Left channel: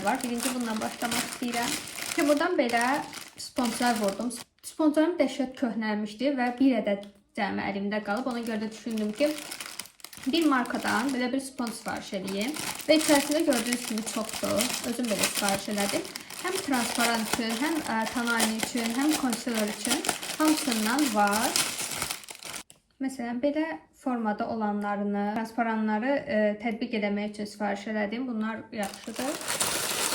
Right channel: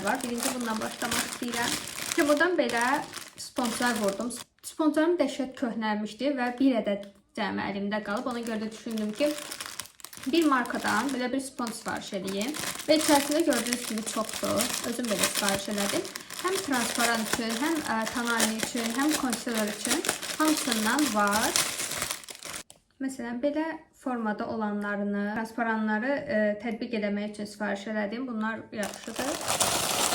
ürünlər var. Birinci bundan başlamaq istəyirəm. Ki, buradan belə sponjlar vurdum. Sponjlarım dəhşət köhnəlmişdi və bir ədəd cəmi əlimdə qalıb. Ona görə də düşündüm ki, bir markadan belə bir sponj sifariş edeyim. Və içərisində gördüyünüz kimi çoxdur. Özüm belə sifariş elədim. Həm transparan üçün, həm tonalli üçün, həm konsiler üçün hamısından var. Məsələn, belə formada olanlarını, transparanları tətbiq eləmək üçün sifariş elədim. Bunlar yaxşıdır.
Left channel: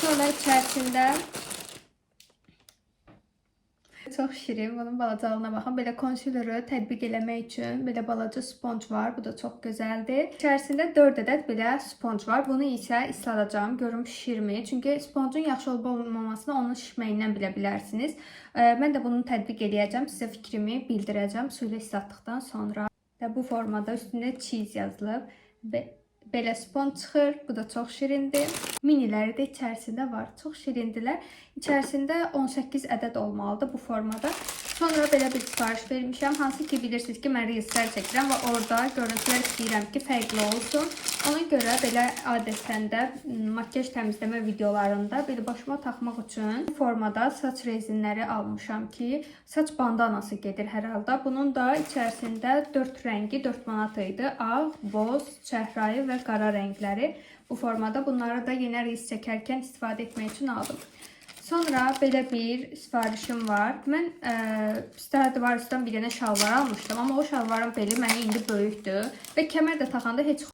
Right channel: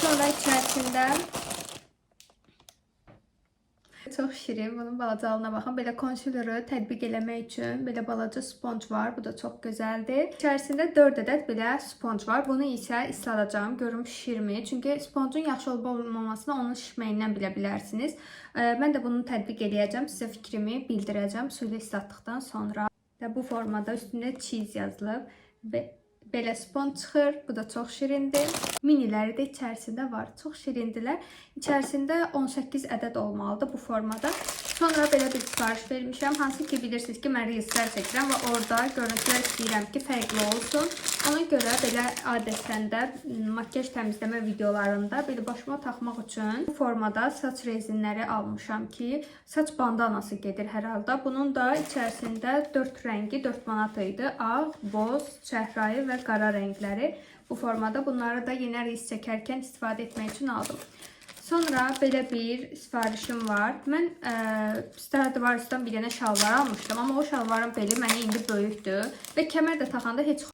Sonra içərisində çox şirin, bunun balacalığına baxın. Belə konsileri tətbiq eləmək üçün belə balaca sponj var. Bu da çox gözəldir. İçərisində 4 ədəd belə sponj var. Bunu isə isladacağım. Görüm şişirmi. Çünki sponjun yaxşı olub-olmamasını onun şişməyindən bilə bilərsiniz. Mən də bunu tətbiq eləyəcəm. Sizə fikrimi bildirəcəm. Suyla islatdıqdan sonra. Bu formada üstündə cheese yazılıb. Belə sponj çıxır. Bu da çox şirindir. Miniləri də içərisində var. Çox şirindirlər. İçərisində 18 ədəd olmalıdır bu formada. Sonra belə bir sifariş vermişəm. Hansı ki bilirsiniz ki, mən reelslər çəkirəm və orada görüntülər istəyirəm ki, fərqli olsun. Ona görə belə adətən də makyaj təmizləmə videolarında belə başıma taxmaq üçün bu formada saç rezinləri almışam ki, saç bandanası gedir hər halda. Bunun da içərisində 4 rəngi 4 manat idi. Ağ, boz, çəhrayı və qara rəngləri bu formada. Bunları da yenə reels çəkərkən istifadə etmək üçün aldım. Sonra belə bir sifarişim var. Mən Stradivarius'dan bir dənə şalvar almışdım. Amma o şalvarın beli mənə indi böyükdür. Və kəmər də taxanda heç